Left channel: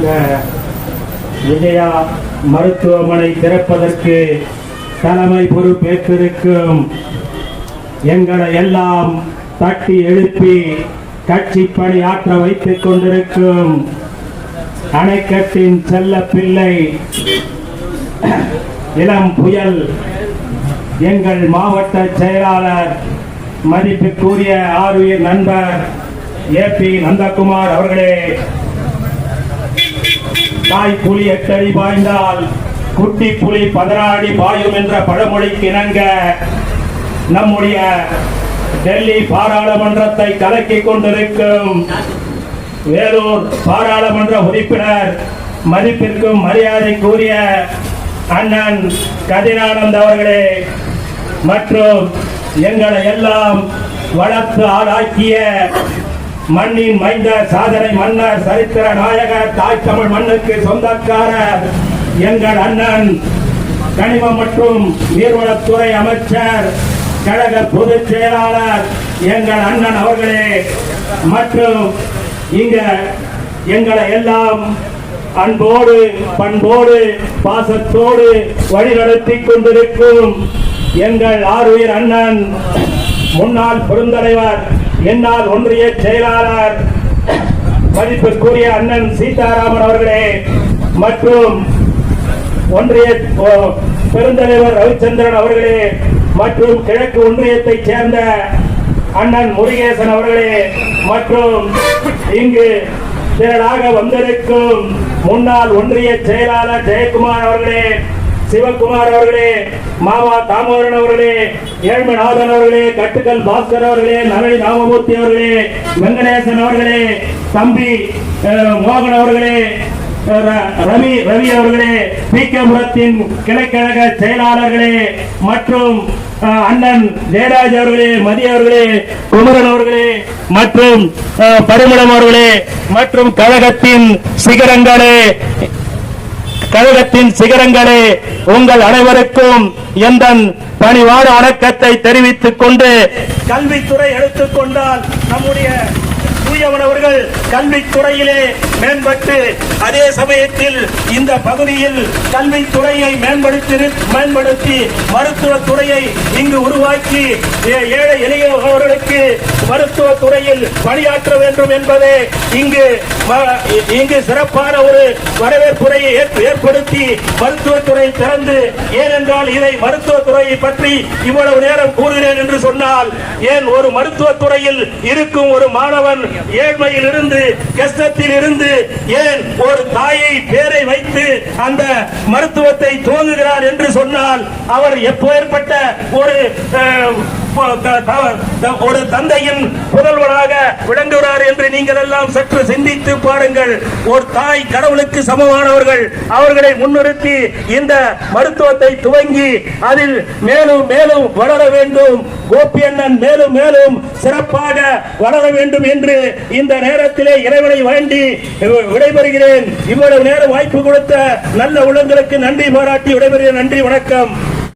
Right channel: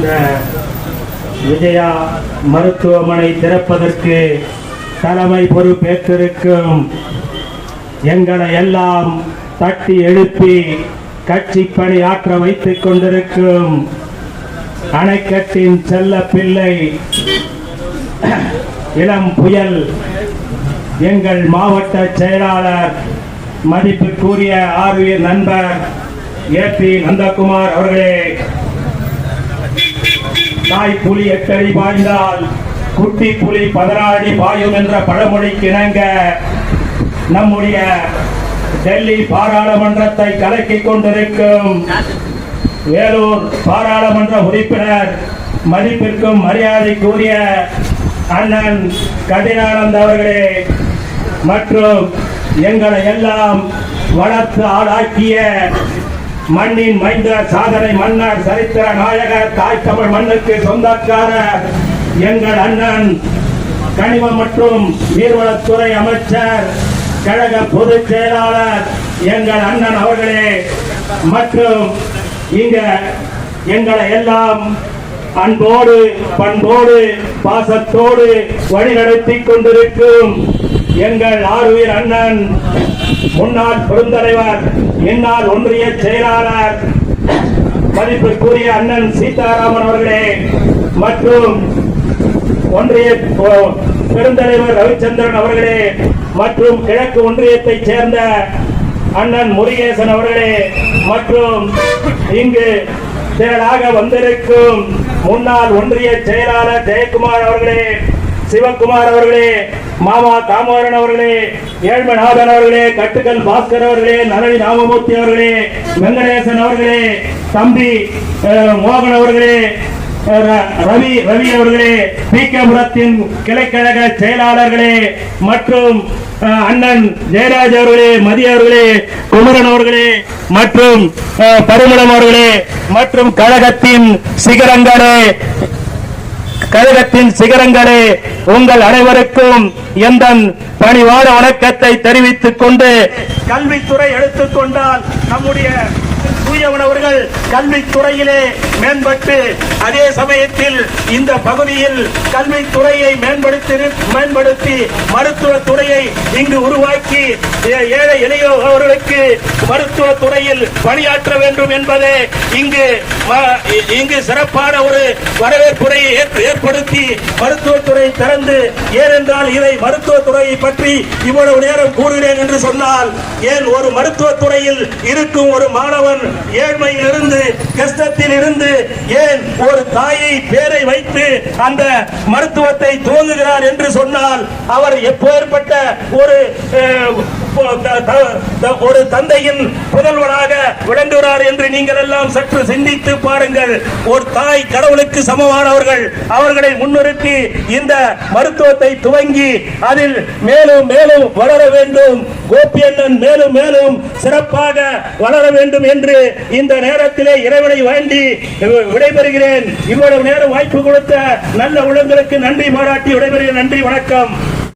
இந்த விஜயா மருத்துவமனை திறப்பதற்கு தலைமை பொறுப்பேற்றிருக்கும் எங்களை எல்லாம் தட்டி எழுப்பி கட்சி பணியாற்ற வைத்துக் கொண்டிருக்கும் அணைக்கட்டின் செல்ல பிள்ளை இளம் புயல் எங்கள் மாவட்ட செயலாளர் மதிப்புக்குரிய ஆர்வீர் நண்பர் ஏ பி நந்தகுமார் அவர்களே. தாய் புலி எட்டடி பாய்ந்தால் குட்டி புலி பதினாடி பாயும் என்ற பழமொழிக்கு இணங்க நம்முடைய டெல்லி பாராளுமன்றத்தை கலக்கிக் கொண்டிருக்கும் வேலூர் பாராளுமன்ற உறுப்பினர் மதிப்பிற்கும் மரியாதைக்குரிய அண்ணன் கதிரானந்த் அவர்களே மற்றும் எங்களை எல்லாம் வளர்த்து ஆளாக்கிய மண்ணின் மைந்த சாதனை மன்னர் சரித்திர நாயகர் தாய் தமிழ் மண்ணுக்கு சொந்தக்காரர் எங்கள் அண்ணன் கனிம மற்றும் நீர்வளத்துறை அமைச்சர் கழக பொதுச் செயலாளர் எங்கள் அண்ணன் அவர்களே. மற்றும் இங்க எங்களை எல்லாம் அன்போடு பண்போடு பாசத்தோடு வழிநடத்திக் கொண்டிருக்கும் எங்கள் ஆறுயிர் அண்ணன் முன்னாள் பெருந்தலைவர் என்னால் ஒன்றிய செயலாளர் மதிப்பிற்குரிய அண்ணன் சீதாராமன் அவர்களே மற்றும் ஒன்றிய பெருந்தலைவர் ரவிச்சந்திரன் அவர்களே மற்றும் கிழக்கு ஒன்றியத்தைச் சேர்ந்த அண்ணன் முருகேசன் அவர்களே மற்றும் இங்கு செயலாக வந்திருக்கும் முன்னாள் ஒன்றிய செயலாளர் ஜெயக்குமார் அவர்களே சிவகுமார் அவர்களே மாமா தாமோதரன் அவர்களே ஏழ்மநாதன் அவர்களே கட்டுக்கல் பாஸ்கர் அவர்களே நரவி ராமமூர்த்தி அவர்களே வெங்கடேசன் அவர்களே தம்பி அஹ், மோகன் அவர்களே ரவி ரவி அவர்களே பி. புரத்தின் கிளைக்கழக செயலாளர்களே மற்றும் அஹ், அண்ணன் ஜெயராஜ் அவர்களே மதிய அவர்களே குமரன் அவர்களே மற்றும் அஹ், அவர்களே மற்றும் கழகத்தின் சிகரங்களே கழகத்தின் சிகரங்களே உங்கள் அனைவருக்கும் எந்த பணிவான வணக்கத்தை தெரிவித்துக் கொண்டு கல்வித்துறை எடுத்துக்கொண்டால் நம்முடைய தூயவனவர்கள் கல்வித்துறையிலே மேம்பட்டு அதே சமயத்தில் இந்த பகுதியில் கல்வித்துறையை மேம்படுத்தி மேம்படுத்தி மருத்துவ துறையை இங்கு உருவாக்கி ஏ- ஏழை எளியவர்களுக்கு மருத்துவ துறையில் பணியாற்ற வேண்டும் என்பதை இங்கு இங்கு சிறப்பான ஒரு வரவேற்புரை ஏற்படுத்தி மருத்துவத்துறை திறந்து ஏனென்றால் இதை மருத்துவத்துறையை பற்றி இவ்வளவு நேரம் கூறுகிறேன் என்று சொன்னால் ஏன் ஒரு மருத்துவத்துறையில் இருக்கும் ஒரு மாணவன் ஏழ்மையில் இருந்து கஷ்டத்தில் இருந்து ஏன் ஒரு தாயை பேரை வைத்து அந்த மருத்துவத்தை துவங்குகிறார் என்று சொன்னால் அவர் எப்பேற்பட்ட ஒரு ஒரு தந்தையின் புதல்வராக விளங்குகிறார் என்று நீங்கள் எல்லாம் சற்று சிந்தித்து பாருங்கள். ஒரு தாய் கடவுளுக்கு சமமானவர்கள் அவர்களை முன்னிறுத்தி இந்த மருத்துவத்தை துவங்கி அதில் மேலும் மேலும் வளர வேண்டும். கோபி அண்ணன் மேலும் மேலும் சிறப்பாக வளர வேண்டும் என்று இந்த நேரத்திலே இறைவனை வேண்டி விடைபெறுகிறேன். இவ்வளவு நேரம் வாய்ப்பு கொடுத்த நல்ல உள்ளங்களுக்கு நன்றி பாராட்டி விடைபெறுகிறேன். நன்றி வணக்கம்.